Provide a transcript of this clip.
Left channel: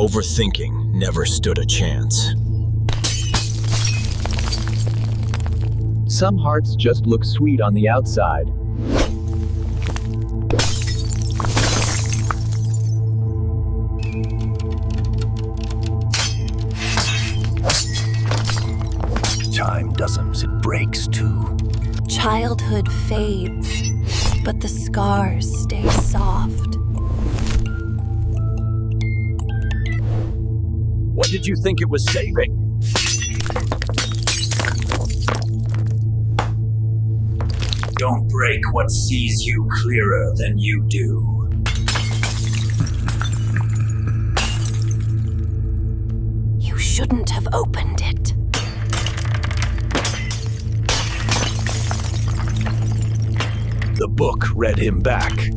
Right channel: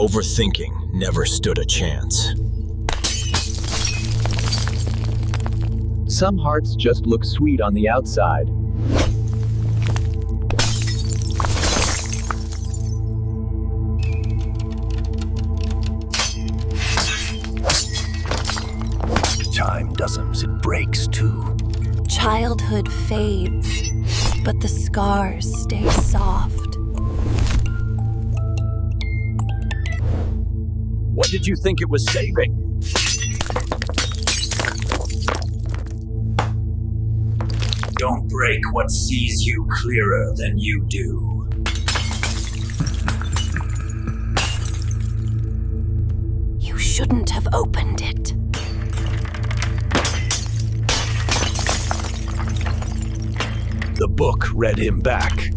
Overthinking never stood a chance. Some hearts just look sweet on the outside. Time doesn't, it breaks too. Childhood fades, but the scars stay soft. What did you think it was saving? Don't break what sees you clearer than you do. You shouldn't have opened it. The book read him back.